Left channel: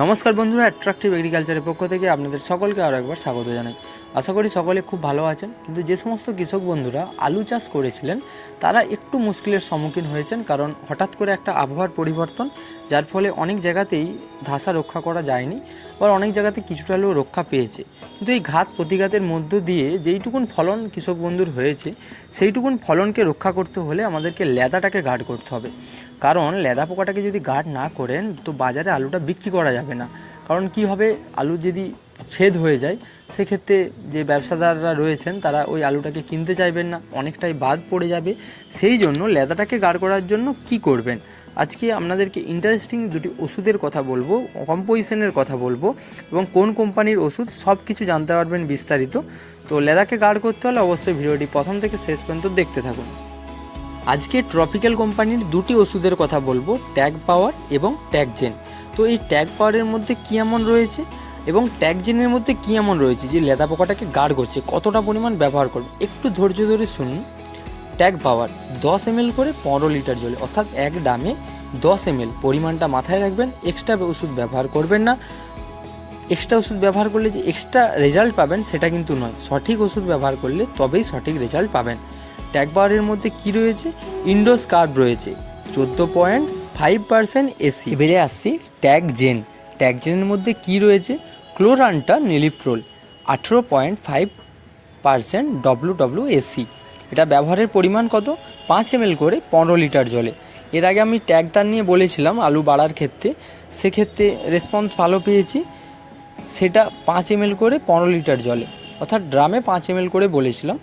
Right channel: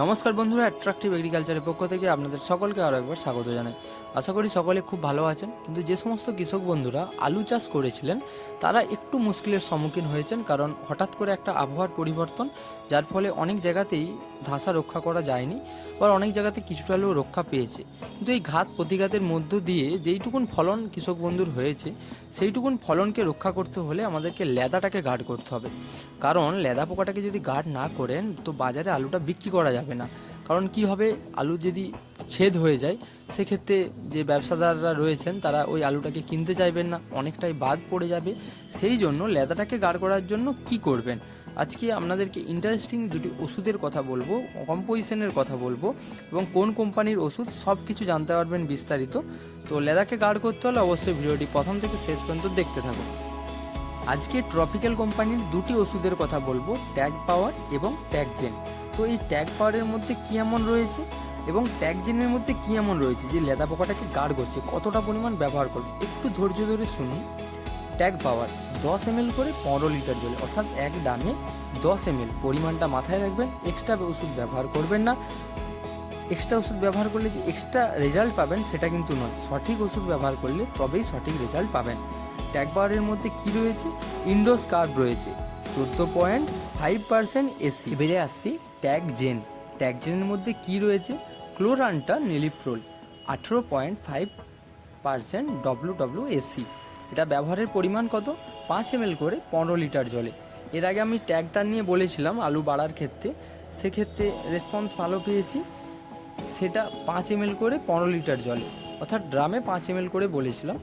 নমস্কার বন্ধুরা অ্যাট্রাকটিভ এগ্রিকালচারের পক্ষ থেকে আপনাদের সকলকে আরও একবার স্বাগত জানাই। আশা করি সকলে খুব ভালো আছেন। কিন্তু যে সমস্ত কৃষক বন্ধুরা আলু চাষ করেছিলেন, তারা একটু মুশকিলের সম্মুখীন হয়েছেন কারণ হঠাৎ করে একটা আবহাওয়ার পরিবর্তন, যার ফলে অনেক জায়গাতেই ধাসা রক্ষা করা যায়নি, আবার অনেক জায়গাতে কিছুটা হলেও রক্ষা পেয়েছে। কিন্তু এই ঘাত প্রতিঘাতের মধ্য দিয়ে যেইটুকুন ফলন কৃষক বন্ধুর হয়েছে, সেইটুকুন ফলনকে রক্ষা করতে হলে আমাদেরকে লেদাটাকে গার্ড করতে হবে। কারণ লেদা পোকাটাকে যদি গার্ড না করেন, তো বাজারে আলুটা বিক্রি করা যাবে না। কারণ কি হবে? আলু যদি ছেদ হয়ে যায়, সেক্ষেত্রে যে ব্যবসাদাররা রয়েছেন, তারা ওই আলুটাকে কিনতে চাইবেন না, অনেকটাই বাদ পড়ে যাবে। সেই জন্য লেদাটাকে গাঢ় করার জন্য কি করবেন? আজকে আপনাদেরকে ইন্টারেস্টিং দুটি ওষুধের কথা বলব কম্পোজিশনের কথা বলব, এবং কোন কোম্পানির ওষুধ সব কিছু জানতে পারবেন বিস্তারিত। তো লেদাকে গাঢ় করতে হলে অবশ্যই ভিডিওটি প্রথম থেকে শেষ পর্যন্ত দেখতে থাকুন। আজকে ট্রপিক্যাল কোম্পানির দুটি ওষুধের কথা বলব, ট্যাগ পাওয়ার এবং ট্যাগজেন তো এই ট্যাগ পাওয়ারের মধ্যে কী এমন রয়েছে? এবং ট্যাগজেনের মধ্যে কী এমন রয়েছে যে লেদা পোকাটাকে গার্ড করছে? কতটা পরিমাণ ব্যবহার করবে? একটু ধৈর্য ধরে শুনুন। ট্যাগ পাওয়ার দশ এম করে পনেরো লিটার জলে, অর্থাৎ এক ডামে দশ এম পরিমাণটা মাথায় রাখবেন এক্সট্রা ওষুধ ব্যবহার করবেন না। এক্সট্রা ওষুধ ব্যবহার করলে যে এক্সট্রা রেজাল্ট পাবেন সেটা কিন্তু নয়। সঠিক ওষুধ ব্যবহার করলে তবেই সঠিক রেজাল্ট পাবেন। ট্যাগ পাওয়ারের মধ্যে কি রয়েছে? ইন্ডোস কার্ড রয়েছে। চোদ্দ পয়েন্ট ফাইভ পার্সেন্ট এসি এবারে আসছি ট্যাগ জেন ট্যাগ জেনের মধ্যে কি রয়েছে? ক্লোরানটা নেলিপ্রোল, আঠেরো পয়েন্ট ফাইভ পার্সেন্ট এসি এটা ব্যবহারের পরিমাণ কত? পাঁচ এম করে পনেরো লিটার জলে। এর আগে আমি ট্যাগ তার নিয়ে বলেছিলাম আলু বাড়ার ক্ষেত্রে। সেক্ষেত্রে রেসপন্স ভালো পেয়েছি। সেটা পাঁচ এম করে পনেরো লিটার জলে। অর্থাৎ ড্রামে পাঁচ এম করে বলেছিলাম।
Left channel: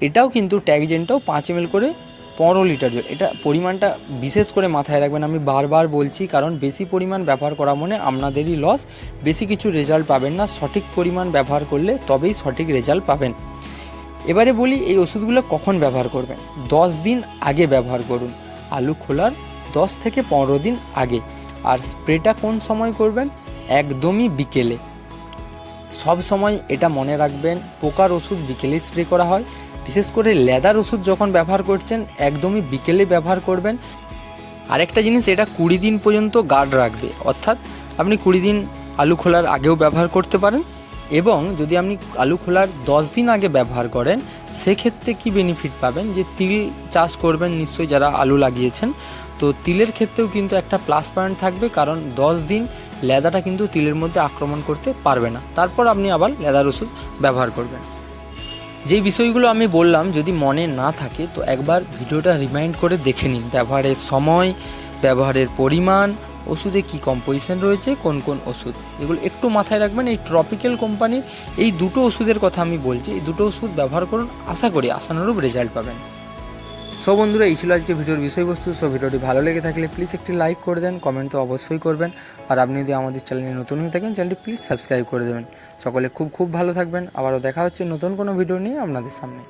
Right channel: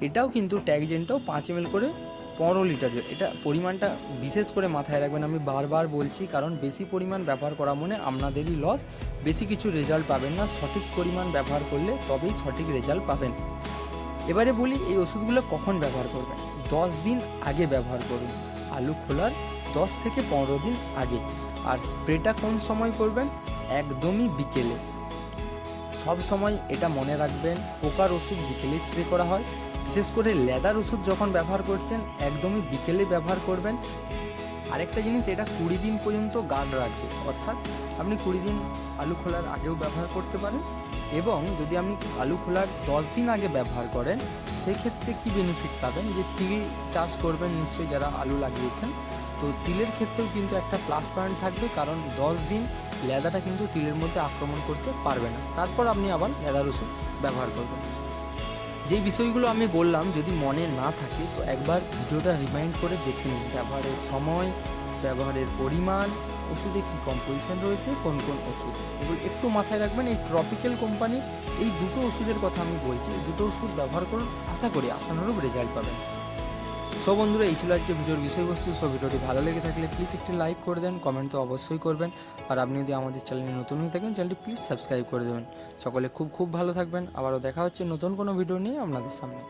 এটাও কিন্তু ট্যাগজেনটাও পাঁচ এম করে পনেরো লিটার জল। এটা পরিমাণটা বিশেষ করে মাথায় রাখবেন। আমি বারবার বলছি, কারণ বেশি পরিমাণ ব্যবহার করা মানে আপনাদেরই লস বেশি কিছু রেজাল্ট পাবেন না। সঠিক পরিমাণ ব্যবহার করলে তবেই সঠিক রেজাল্ট পাবেন। এবারে বলি, এই ওষুধগুলো কখন ব্যবহার করবেন? দশ দিন আগে ব্যবহার করুন। আলু খোলার দশ থেকে পনেরো দিন আগে। আর স্প্রেটা কোন সময় করবেন? একদমই বিকেলে। সব সময় এটা মনে রাখবেন, পোকার ওষুধ বিকেলে স্প্রে করা হয়। বিশেষ করে লেদার ওষুধ যখন ব্যবহার করছেন, একদমই বিকেলে ব্যবহার করবেন। আরেকটা জিনিস, এটা কুড়ি দিন পর্যন্ত গার্ড রাখবে। অর্থাৎ আপনি কুড়ি দিন আলু খোলার আগেও ব্যবহার করতে পারেন এবং যদি আপনি আলু খোলার দশ দিন আগে ব্যবহার করেন, সেক্ষেত্রে কি বেনিফিট পাবেন? যে তিল চাষ করবেন নিশ্চয়ই যারা আলু লাগিয়েছেন। তো তিলের ক্ষেত্রেও কিন্তু একটা প্লাস পয়েন্ট থাকবে, কারণ দশ দিন লেদাটা কিন্তু তিলের মধ্যে আক্রমণ করতে পারবে না। তারপর আপনি আবার লেদার ওষুধ ব্যবহার করবেন। যেই বিষয়গুলো আমি বললাম, যদি মনে না থাকে, তো একবার ভিডিওটা রিমাইন্ড করে দেখে নিন, ব্যবহারের সময়, ব্যবহারের পরিমাণ, ওষুধে কী কম্পোজিশন রয়েছে, কোন কোন ওষুধ। এগুলো একটু মাথায় রাখবেন, এই ট্রপিক্যাল কোম্পানির এই দুটো ওষুধের কথা আমি বলছি। এই দুটো ওষুধ ব্যবহার করুন, আশা করি আশানুরূপ রেজাল্ট পাবেন। সো বন্ধুরা, এই ছিল আজকে ভিডিওর বিষয়বস্তু। সো ভিডিওটি ভালো লেগে থাকলে প্লিজ একটি লাইক করে দেন কমেন্ট তো অবশ্যই করবেন। আর আপনি যদি আমাদের চ্যানেলে নতুন হয়ে থাকেন চ্যানেলটি প্লিজ সাবস্ক্রাইব করে দেবেন। সকলে খুব খুব ভালো থাকবেন। আবারও দেখা হচ্ছে নতুন কোনো ভিডিও নিয়ে আপনাদের সামনে।